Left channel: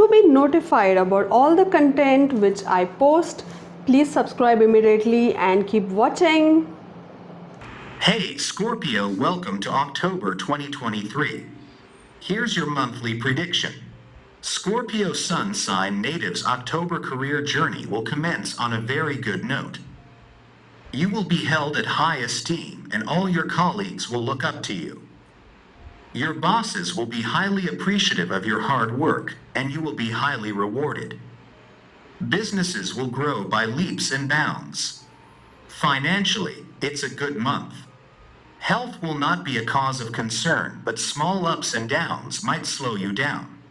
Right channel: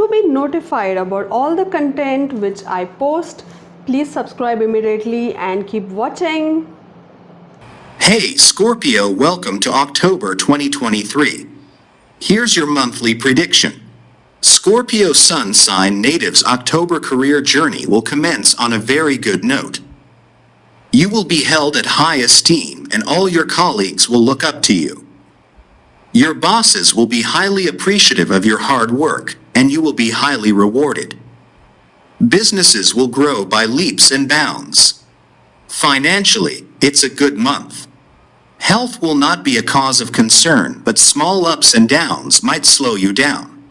to be notified about all the content which I post, please subscribe immediately and keep watching. Hey, Scorpio, welcome to October 2023. Here's your monthly prediction. Scorpio sun sign natives' October career journey will commence on a very good note. You will be held at high esteem and all your colleagues will look up to you. Your bosses will be highly appreciative of your hard work and you will be highly rewarded. Businesses will grow by leaps and bounds. Financially, it's a good month. Health will not be a cause of concern, but small ups and downs might slow you down.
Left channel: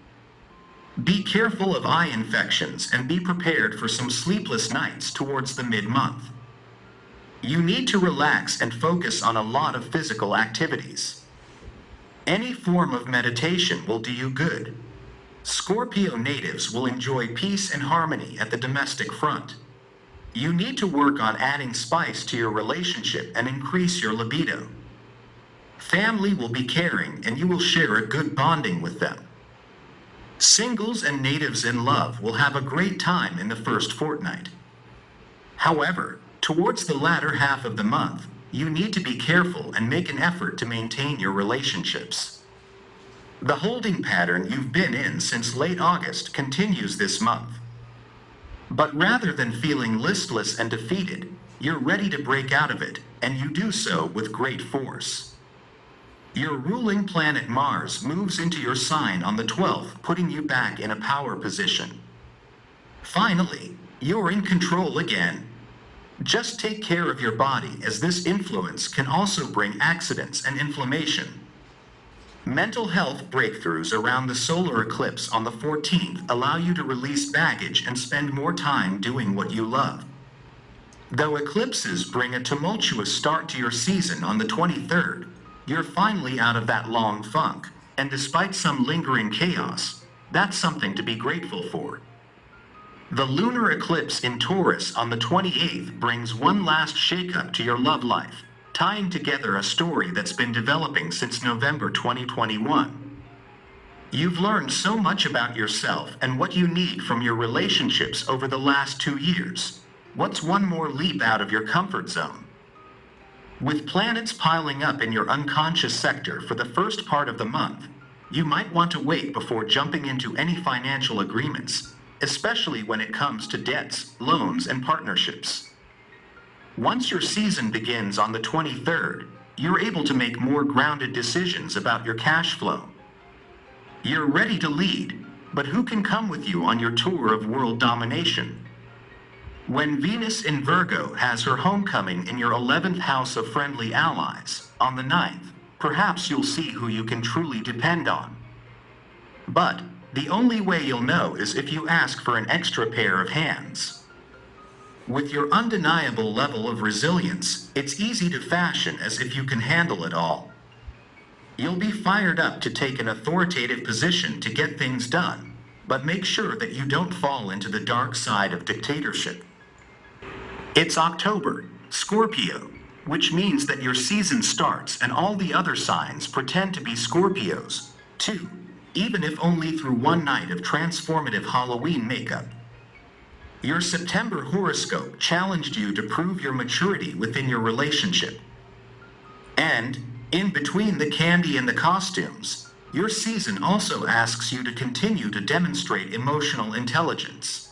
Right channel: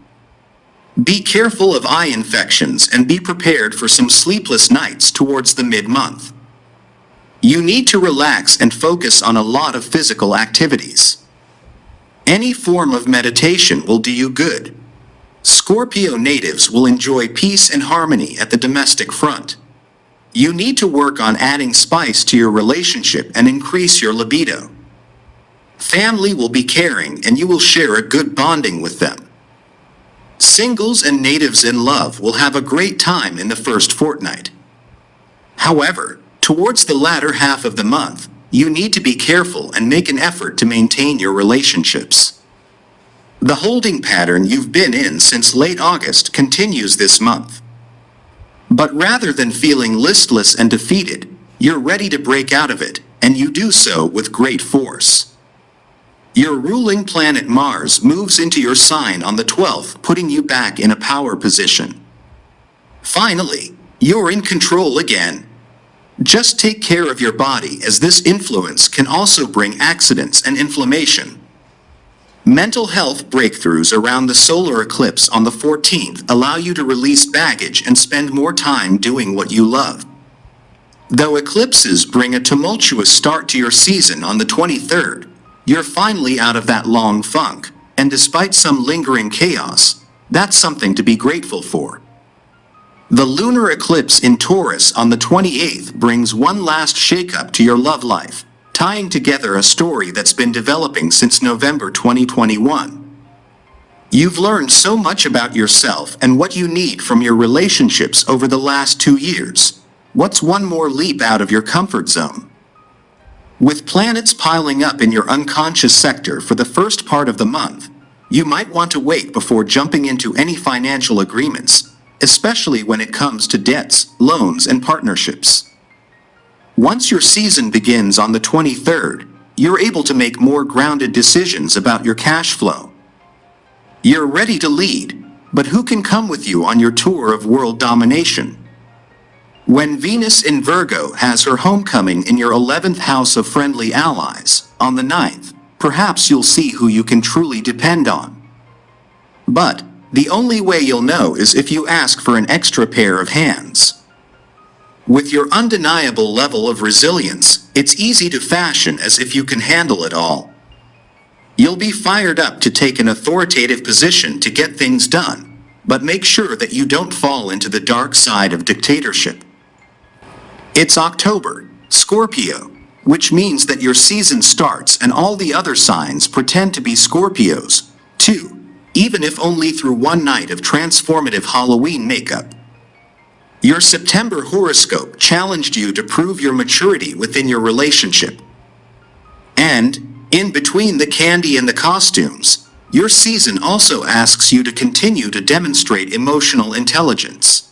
Be careful of eye infections and be prepared for some sleepless nights towards the mid-month. You need to relax and focus on a lot of physical activities. Any form of meditation will do you good. Scorpio natives will enjoy peace and harmony at the domestic front. You need to work on adding spice to your relationship and increase your libido. Family will be caring and you will share a good bonding with them. Singles and natives in love will have a great time in the first fortnight. However, towards the latter half of the month, you need to be careful and make an effort to maintain your relationships. The holding pattern you've been in since late August continues this month. But rather than feeling listless and defeated, you're ready to break out of it, and you do so with great force. Your ruling planet Mars moves into your sign on the 12th, putting you back in a power position. Finally, you're in control again. Just take care of your body, as this influence can also bring accidents and inflammation. Mental health breakthroughs around the solar eclipse on the 14th allow you to release baggage and spend more time doing what you love. Though eclipses bring a tumultuous start to your season on the 23rd, you're finally out of that long funk, and despite some lingering chaos, that's something to be grateful for. The lunar eclipse in Taurus on the 28th brings one last shakeup to your love life, tying together a story that's been developing since November 2021. You've learned so much about yourself and what you need from your relationships over the last 2 years. What's one more leap out of your comfort zone? With planets piling up in your unconscious sector for the first part of the month, you might want to wait before jumping into any financial agreements, especially when it comes to debts, loans, and partnerships. Once your season begins on the 23rd, you're able to make more grounded decisions about your cash flow. You're ready to lead, but who can come with you on your tour of world domination? When Venus in Virgo has her homecoming in your 11th house of friendly allies, on the 9th, perhaps you'll see who you can truly depend on. But the only way you'll know is if you ask for an extra pair of hands. With your undeniable level of resilience, it's easy to fashion as if you can handle it all. You'll be fired up to take an authoritative position to get things done, but make sure that you don't fall into the dark side of dictatorship. It's October, Scorpio, which means that your season starts and all the other signs pretend to be Scorpios, too, even if only through one night of transformative Halloween makeup. Your September horoscope challenged you to prove your maturity within your relationship. And, in between the candy and the costumes, your season also asks you to continue to demonstrate emotional intelligence.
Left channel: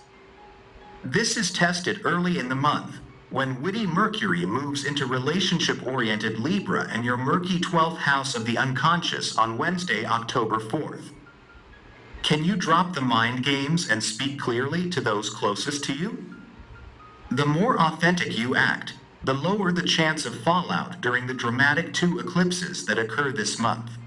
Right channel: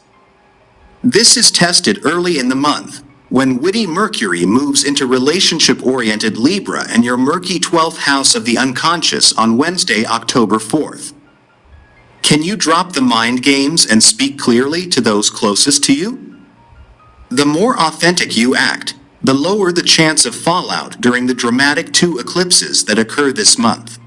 This is tested early in the month, when witty Mercury moves into relationship-oriented Libra and your murky 12th house of the unconscious on Wednesday, October 4th. Can you drop the mind games and speak clearly to those closest to you? The more authentic you act, the lower the chance of fallout during the dramatic 2 eclipses that occur this month.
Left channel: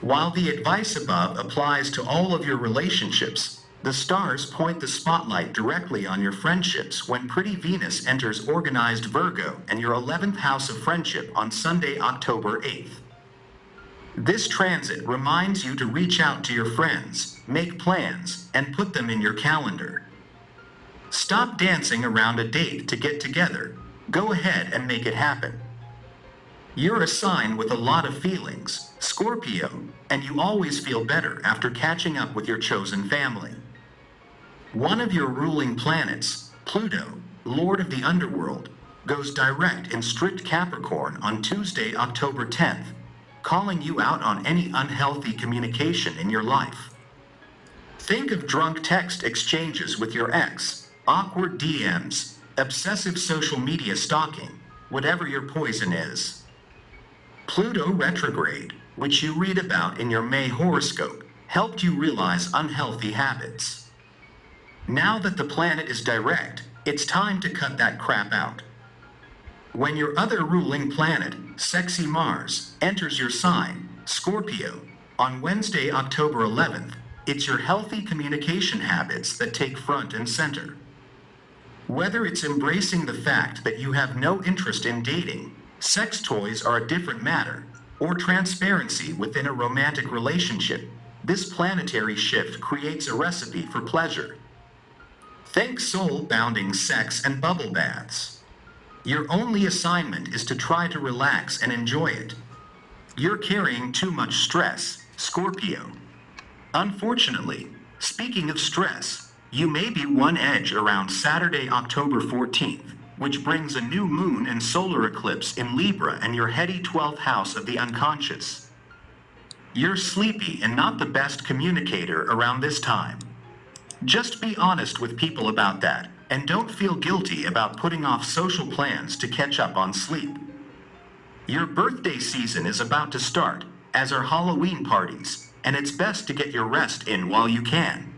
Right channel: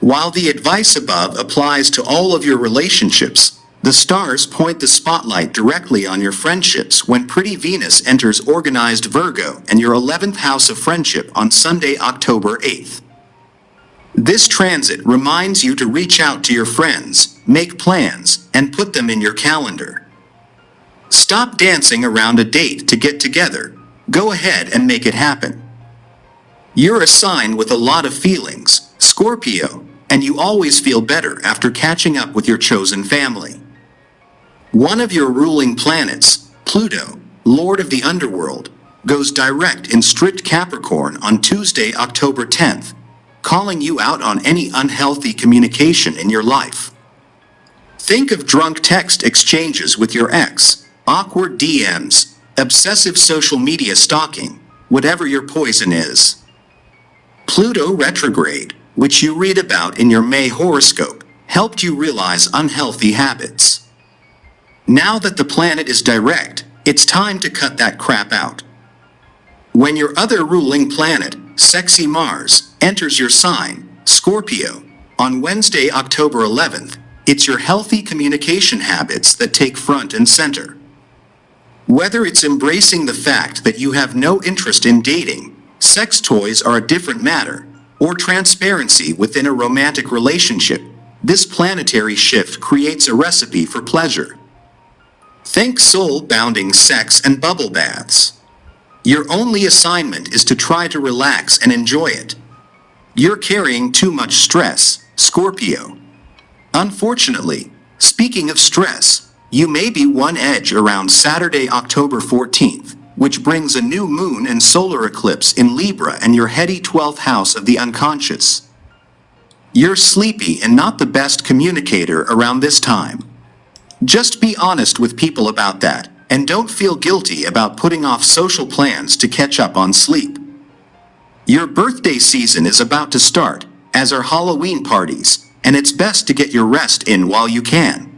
While the advice above applies to all of your relationships, the stars point the spotlight directly on your friendships when pretty Venus enters organized Virgo and your 11th house of friendship on Sunday, October 8th. This transit reminds you to reach out to your friends, make plans, and put them in your calendar. Stop dancing around a date to get together. Go ahead and make it happen. You're a sign with a lot of feelings, Scorpio, and you always feel better after catching up with your chosen family. One of your ruling planets, Pluto, Lord of the Underworld, goes direct in strict Capricorn on Tuesday, October 10th, calling you out on any unhealthy communication in your life. Think of drunk text exchanges with your ex, awkward DMs, obsessive social media stalking, whatever your poison is. Pluto retrograde, which you read about in your May horoscope, helped you realize unhealthy habits. Now that the planet is direct, it's time to cut that crap out. When your other ruling planet, sexy Mars, enters your sign, Scorpio, on Wednesday, October 11th, it's your healthy communication habits that take front and center. Whether it's embracing the fact that you have no interest in dating, sex toys are a different matter, or transparency within a romantic relationship, this planetary shift creates a recipe for pleasure. Think soul-bounding sex and bubble baths. Your only assignment is to try to relax and enjoy it. You're carrying too much stress, Scorpio. Unfortunately, speaking of stress, you may be one edge around Saturday, October 14th, which brings a new moon and solar eclipse in Libra and your heady 12th house of the unconscious. You're sleepy and not the best communicator around this time. Just be honest with people about that, and don't feel guilty about putting off social plans to catch up on sleep. Your birthday season is about to start, as are Halloween parties, and it's best to get your rest in while you can.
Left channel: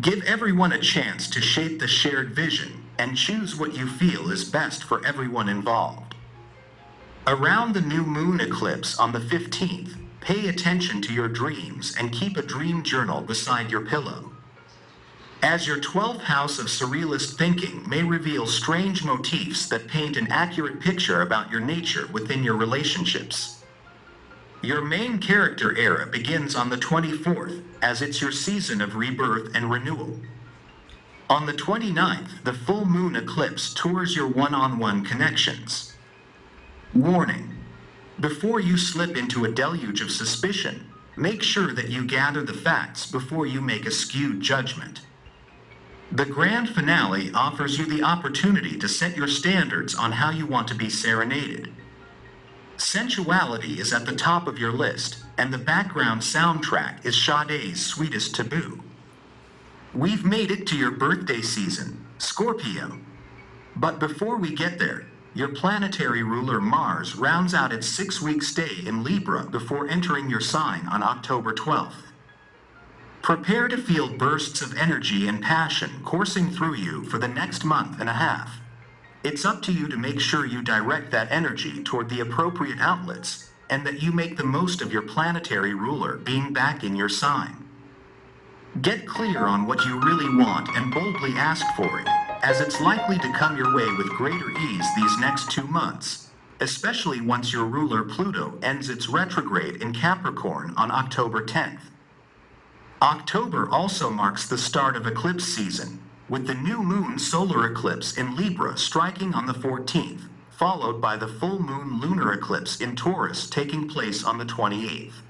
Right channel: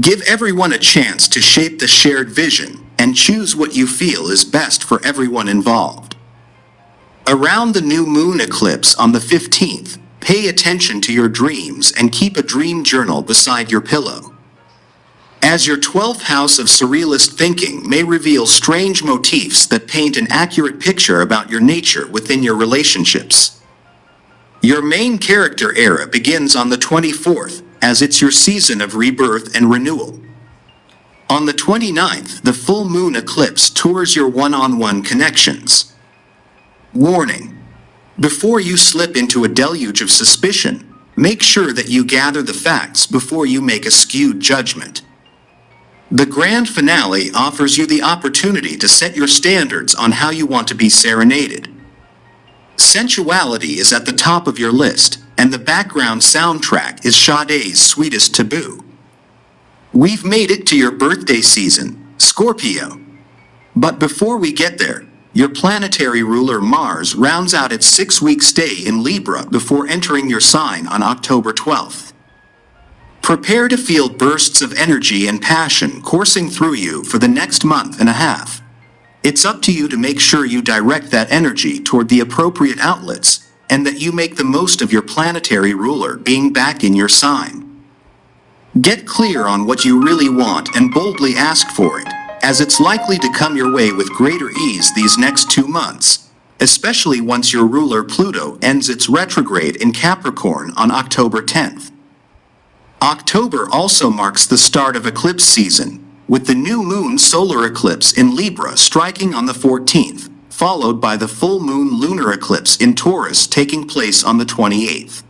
Give everyone a chance to shape the shared vision and choose what you feel is best for everyone involved. Around the new moon eclipse on the 15th, pay attention to your dreams and keep a dream journal beside your pillow. As your 12th house of surrealist thinking may reveal strange motifs that paint an accurate picture about your nature within your relationships. Your main character era begins on the 24th, as it's your season of rebirth and renewal. On the 29th, the full moon eclipse tours your one-on-one connections. Warning: before you slip into a deluge of suspicion, make sure that you gather the facts before you make a skewed judgment. The grand finale offers you the opportunity to set your standards on how you want to be serenaded. Sensuality is at the top of your list, and the background soundtrack is Sade's Sweetest Taboo. We've made it to your birthday season, Scorpio. But before we get there, your planetary ruler Mars rounds out its 6-week stay in Libra before entering your sign on October 12th. Prepare to feel bursts of energy and passion coursing through you for the next month and a half. It's up to you to make sure you direct that energy toward the appropriate outlets, and that you make the most of your planetary ruler being back in your sign. Get clear on what you really want and boldly ask for it, as it's likely to come your way with greater ease these next 2 months, especially once your ruler Pluto ends its retrograde in Capricorn on October 10th. October also marks the start of eclipse season, with the new moon solar eclipse in Libra striking on the 14th, followed by the full moon lunar eclipse in Taurus taking place on the 28th.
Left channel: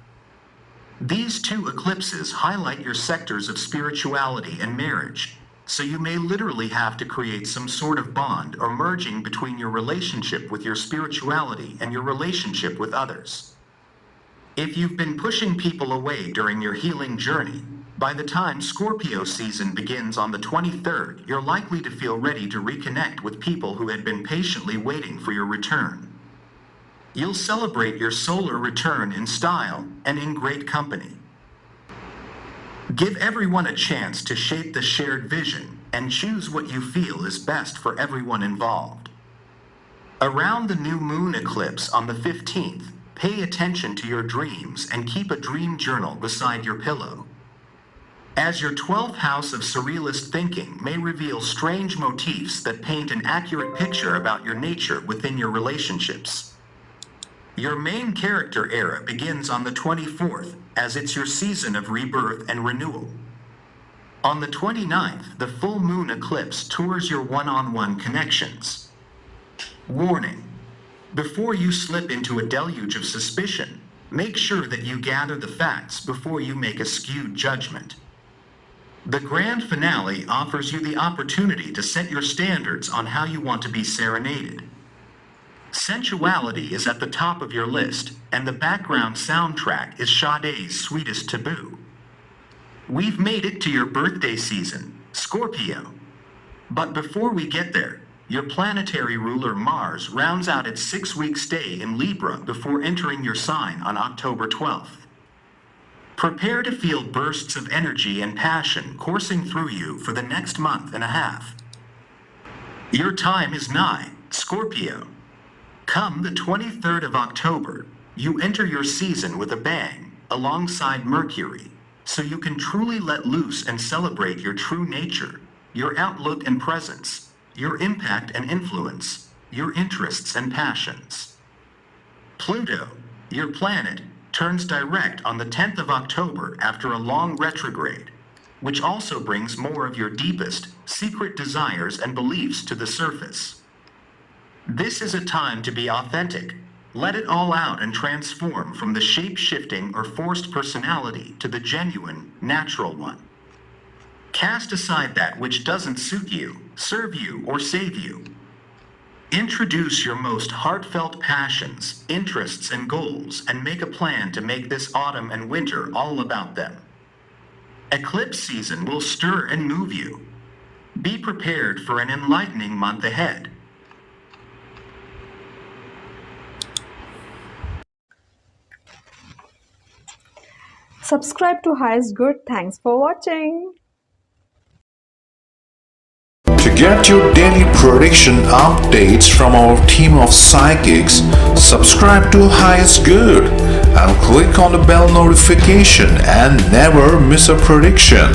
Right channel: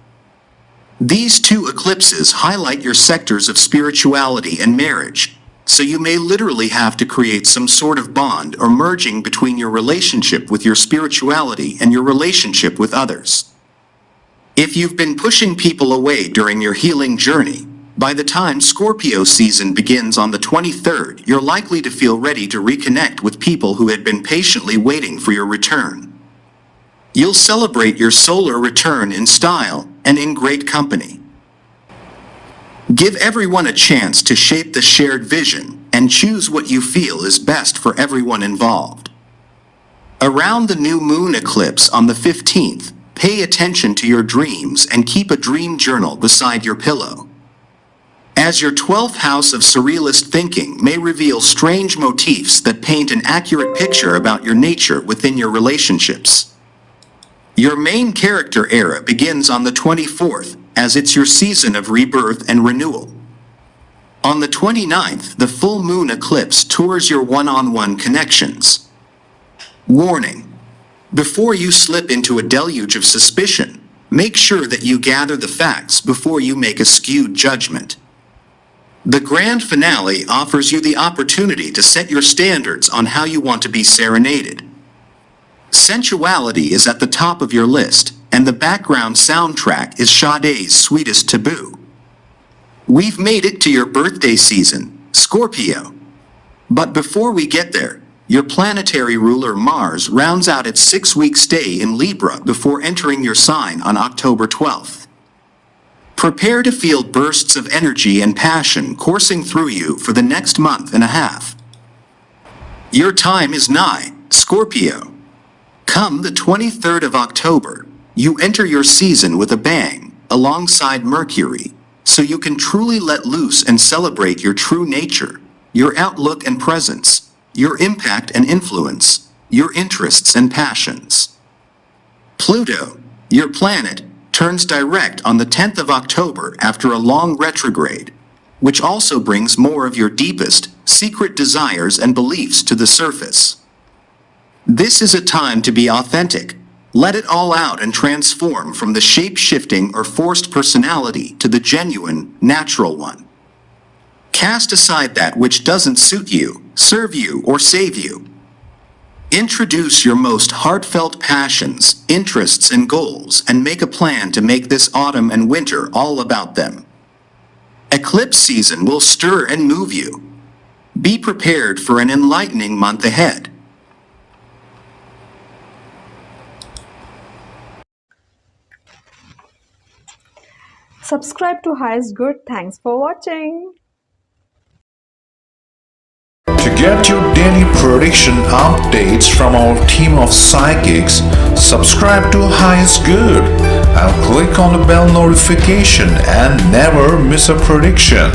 These two eclipses highlight your sectors of spirituality and marriage, so you may literally have to create some sort of bond or merging between your relationship with your spirituality and your relationship with others. If you've been pushing people away during your healing journey, by the time Scorpio season begins on the 23rd, you're likely to feel ready to reconnect with people who had been patiently waiting for your return. You'll celebrate your solar return in style and in great company. Give everyone a chance to shape the shared vision and choose what you feel is best for everyone involved. Around the new moon eclipse on the 15th, pay attention to your dreams and keep a dream journal beside your pillow. As your 12th house of surrealist thinking may reveal strange motifs that paint an accurate picture about your nature within your relationships. Your main character era begins on the 24th, as it's your season of rebirth and renewal. On the 29th, the full moon eclipse tours your one-on-one connections. Warning: Before you slip into a deluge of suspicion, make sure that you gather the facts before you make a skewed judgment. The grand finale offers you the opportunity to set your standards on how you want to be serenaded. Sensuality is at the top of your list, and the background soundtrack is Sade's Sweetest Taboo. We've made it to your birthday season, Scorpio. But before we get there, your planetary ruler Mars rounds out its 6-week stay in Libra before entering your sign on October 12th. Prepare to feel bursts of energy and passion coursing through you for the next month and a half. Your time is nigh, Scorpio. Come the 23rd of October, you enter your season with a bang, alongside Mercury, so you can truly let loose and celebrate your true nature, your outlook and presence, your impact and influence, your interests and passions. Pluto, your planet, turns direct on the 10th of October after a long retrograde, which also brings more of your deepest, secret desires and beliefs to the surface. This is a time to be authentic. Let it all out and transform from the shape-shifting or forced personality to the genuine, natural one. Cast aside that which doesn't suit you, serve you, or save you. Introduce your most heartfelt passions, interests, and goals, and make a plan to make this autumn and winter all about them. Eclipse season will stir and move you. Be prepared for an enlightening month ahead. Subscribe to Highest Good. Thanks for watching. To get your daily prediction updates from our team of psychics, subscribe to Highest Good and click on the bell notification and never miss a prediction.